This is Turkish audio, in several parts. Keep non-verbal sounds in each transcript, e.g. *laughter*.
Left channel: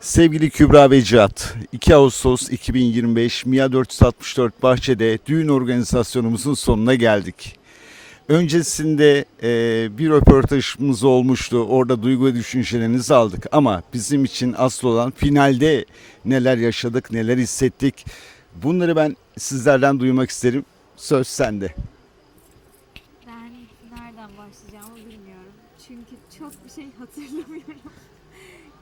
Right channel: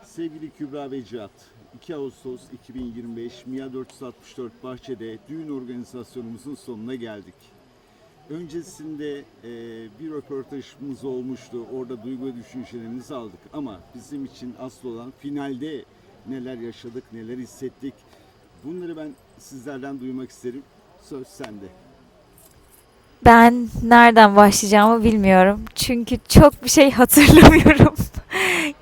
Sevgili Kübra ve Cihat, 2 Ağustos 2025 MIA 464 Bahçe'de düğün organizasyonumuzun sonuna geldik. Öncesinde e, bir röportajımız olmuştu. Orada duygu ve düşüncelerinizi aldık. Ama bizim için asıl olan finalde neler yaşadık, neler hissettik. Bunları ben sizlerden duymak isterim. Söz sende. Ben nereden başlayacağımı bilmiyorum. Çünkü çok bir şey *laughs* hatırlamıyorum.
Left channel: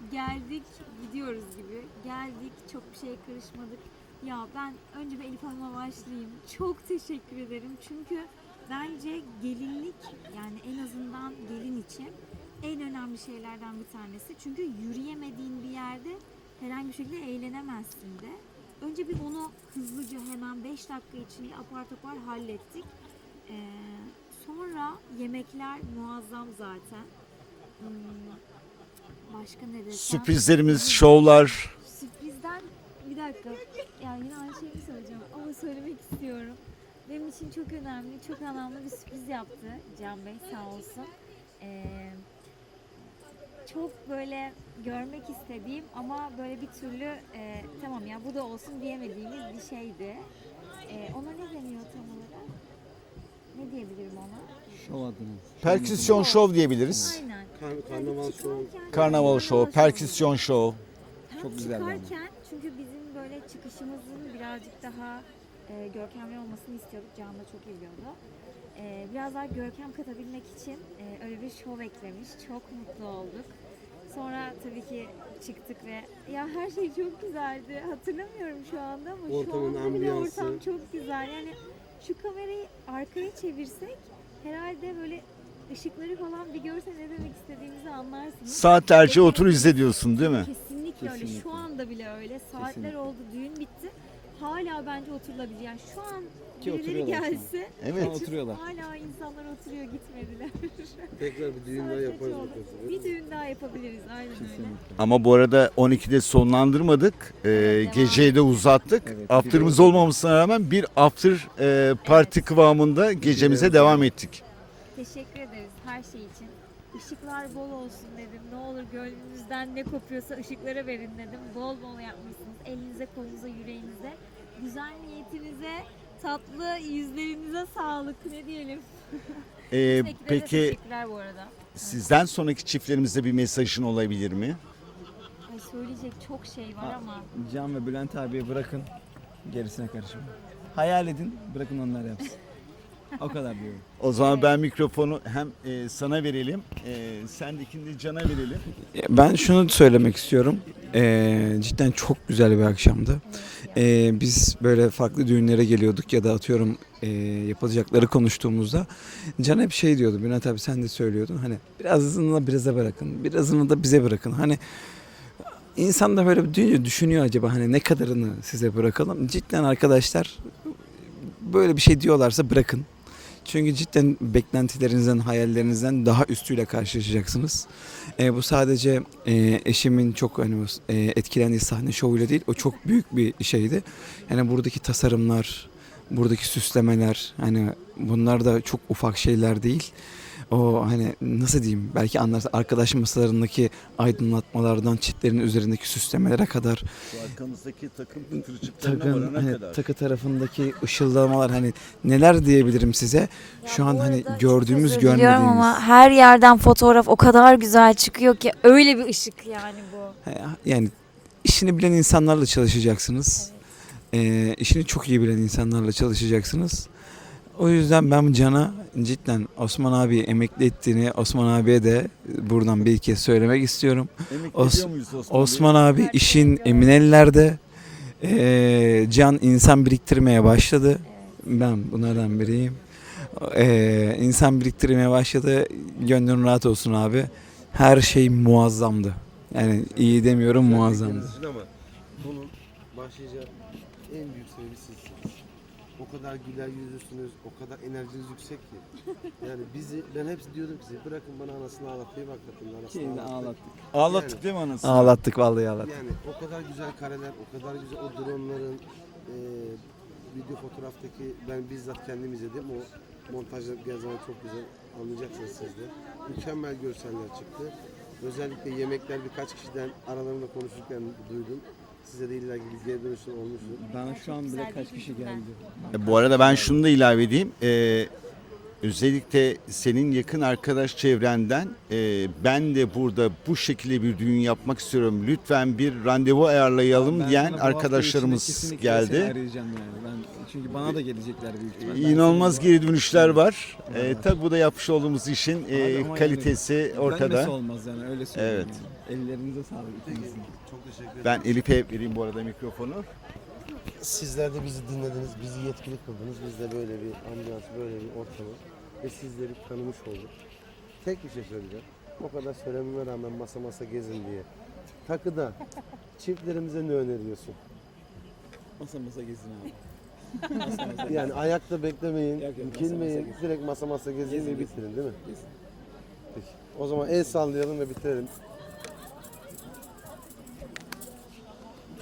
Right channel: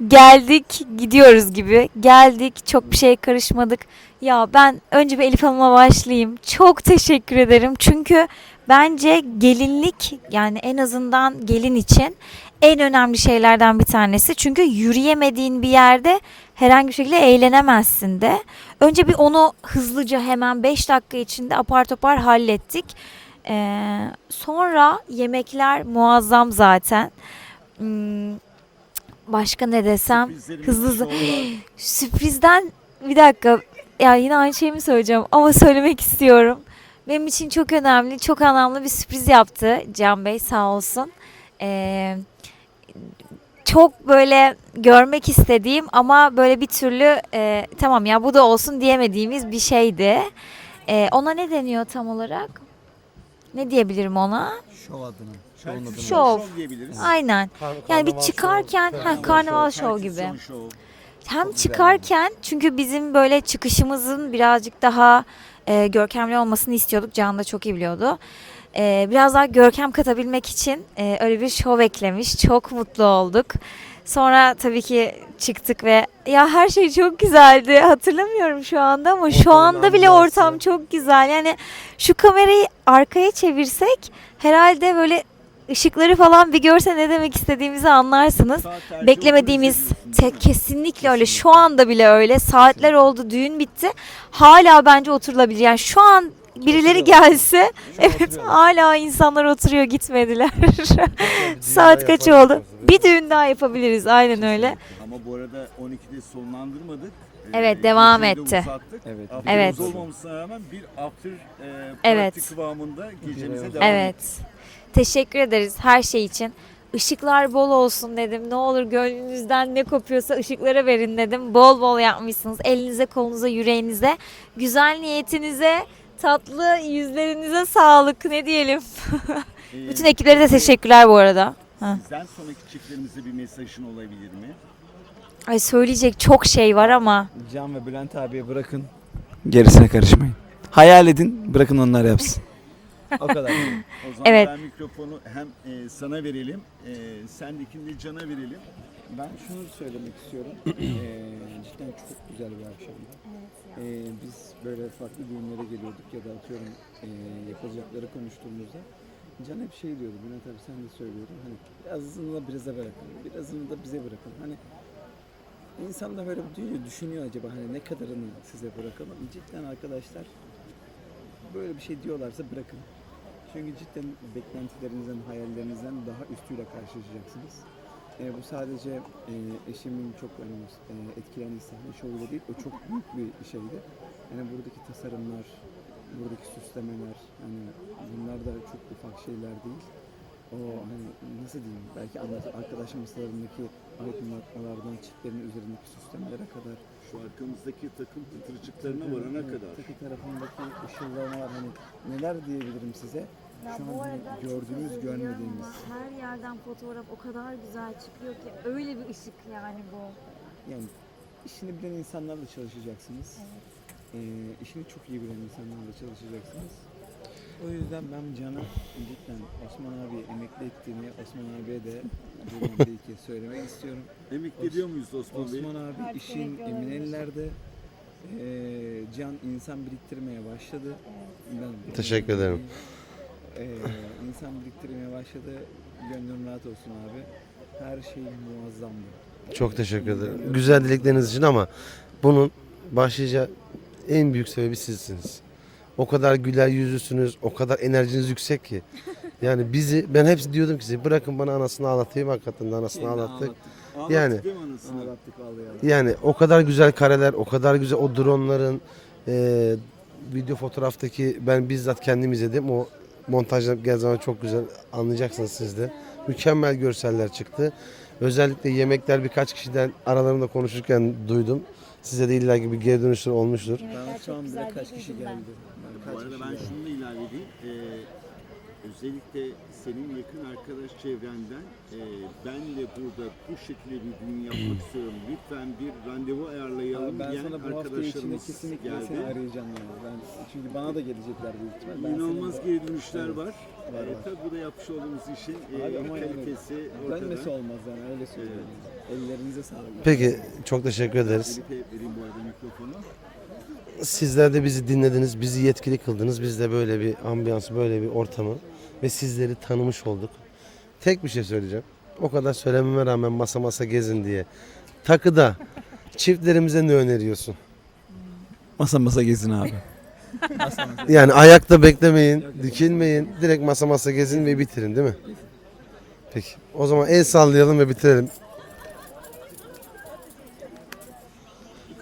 Geldik, gidiyoruz gibi. Geldik, çok bir şeye karışmadık. Ya ben önce bir Elif Hanım'a başlayayım. Çok teşekkür ederim. Çünkü bence gelinlik yani en azından gelin için en önemli şeylerden bir tanesi. Çünkü yürüyemediğin bir yerde herhangi bir şekilde eğlenemezsin de. Önce bir onu hızlıca hemen 5 dakika içinde apar topar hallettik. Ee, sonra yemekler muazzam zaten. Hmm, başka ne desem? Sürprizlerimiz, hızlı- şovlar. Sürprizden bir dakika. Ya yine aynı şeyi mi söyleyeceğim ama *laughs* söylemek istiyorum. Benim için çok önemli, çok anlamlı bir sürpriz yaptı Can Bey sağ olsun. Ee, çok böyle görmek istediğim ama böyle bir türlü e, tamam ya bu da olsun diyemediğimiz bir şeydi. Ee, ona ne deniyor tam olarak? Ne diyebilirim ona? Perküsyon Şov. şov diyebiliriz. Aynen. Yani bir çıkarken ha, Karnaval, şov, şov gibi. perküsyon şov. Hem çıkarken çünkü bizim böyle çıkışımızın birazcık daha e, görkemli olmasını istiyorduk. Can da çok iyi biliyordu. E, biraz daha görkem katabilmek için e, öyle bir şov eklemiş. Çok mutlu olduk. Sonra tabii ki çıktık ve ya her şey çok güzeldi. Hatırlamıyorum şu anda ama şu anda bile ortam çok güzel. Yani şu kamerayı arkaya çevirsek herhalde böyle ışıkları falan bir görse ne demek istediğimizi anlarsınız. Saatlerce otur Beklemediğimiz izliyorsun değil mi? Kesinlikle öyle. Kesinlikle. Şu anda bile öyle. Saatler oldu, düğün bitti. Hala bence oturulabilir. Yani şu an birileri gelse evet hala insanlar oturuyor gitmediler. *laughs* Saat kaç oldu? Bir düğün daha yapabiliriz. Aynen öyle. Ama bu arada 12'de sonlandırmadık. Ee, Evet, devam geceyi de etti. uzattık. Evet. After'ımız Evet. olmamasına rağmen bir after e, party Evet. kıvamında gecemize devam Evet. ettik. Teşekkür ederiz her şey için. Işıklar bol olsun dedim. Ne olur gönlünüzden ne kopuyorsa ışıklara verin dedim. Bol bol yapmışsınız. Elinize, kolunuza, yüreğinize, güzel niyetinize, tatlı yüzlerinize sağlık. Ne diyelim? Ee, *laughs* Bütün ekiplere de peki teşekkürler bu arada. Ha. Sizden sonraki çiftlerimize bir mesajın olabilir mi? Ay söyleyecek çok şey var ama Can ve Bülent abiye bırakın. Gerisine karışmayın. Hayal edin, bırakın onlar yapsın. o kadar. O zaman Evet. ben mikrofonu hem e, sana verelim, e, sendekini de Can'a verelim. Ben şunu söylemek istiyorum. Ee, cidden çok güzel bir akşamdı. Ee, biz böyle farklı düğünlere geliyorduk ya da atıyorum e, yapılacakları konuştuğumuzda Can hep şey diyordu. Bülent abi sen de söylüyordun. Hani birazını da bize bırakın. Birazını da bize bırakın. Hani insan da böyle düşünüyor, düşünüyor acaba hani ne kadarını size bırakalım. Cidden arkadaşlar böyle bir şey diyorlarsa bırakın. Çünkü cidden beklentilerinizden, hayallerinizden daha üstüyle karşılaşacaksınız. E, bu sadece e, eşimin çok hani e, etkilendiği sahne şovuyla değil, o çok büyük bir şeydi. Yani buradaki tasarımlar, buradaki süslemeler, hani bunlar da çok ufak şeyler değil. O hani nasıl diyeyim belki anlarsın arkadaş masalarındaki aydınlatmalardan çitlerin üzerindeki süslemelere kadar Bu arkamızdaki takım varana hani kadar. takı tarafındaki ışıldamalar hani neler diyebilirim size şu an hani gördüğümüz görmediğimiz ama her yerden fotoğraf o kadar güzel çıkıyor ki öyle bir ışık yani bu. yani işini bilen insanlarla çalışacaksınız. Ee, işini çok iyi bilen insanlarla çalışacaksınız. O yüzden ben Can'a cidden Osman abi emekli ettiğini Osman abiye de buradan bir kez söylemek istiyorum. *laughs* Emekli Os- Osman abi işin emin ellerde. Ee, Can insan biriktirmeye başladı. Ben bunlardan Teşekkür ederim. biriyim. Ee, insan biriktirmeye başladı. Gönlün rahat olsun abi. Her şey muazzamdı. Çok Yani teşekkür iyi ederim. demiyorum Güzel muazzam. için ama bunun başlıca en büyük sebebi sizsiniz. O kadar güler yüzlüsünüz, o kadar enerjiniz yüksek ki. Yani bizi, ben hepsi diyordum ki size bırakın bana anasını ağlatayım hakikaten de anasını ağlattık. Ağlattık Yani. değil mi anasını? Ağlattık vallahi ağlattık. Yani o kadar güzel kareler, o kadar güzel o dronların eee, video fotoğraftaki ben bizzat kendim izledim. O montajlanıp geldiği zaman çok güzel anlayacaksınız siz de. Mükemmel görseller çıktı. Özellikle yemekler birkaç kişiden aralarında konuşurken duydum. Size de illa gibi geri dönüşler olmuştur. Ben şu an bile kaç kişi geldi. Bu arada ben şunu da ilave edeyim. Ee, özellikle senin yakın arkadaş çevrenden e, ben de burada bu şekilde bir düğün yapmak istiyorum. Lütfen bir randevu ayarlayalım diyen arkadaşlarımız geldi. Çünkü bana da gelecekler büyük ihtimalle. İnanılmaz geri dönüşler var. E, tabii bu da yapmış olduğumuz işin e, Ama kalitesi ortada. olmaz yani öyle söyleyeyim. Evet. Ellerinize sağlık. Peki çok teşekkür Ben ederiz. Elif'e vereyim bu arada mikrofonu. Sizler de bizi dinlediniz, bizi yetkili kıldınız. Biz de böyle bir ambiyans, böyle bir ortamı ve sizleri tanımış olduk. Tek bir şey söyleyeceğim. O kadar söylememe rağmen masa masa gezin diye. Takıda çiftlerimize ne öneriyorsun? Masa masa gezin abi. Yani ayakta beklemeyin, dikilmeyin. Direkt masa masa gezin ve bitirin değil mi? Peki. O zaman el sallayalım ve bitirelim.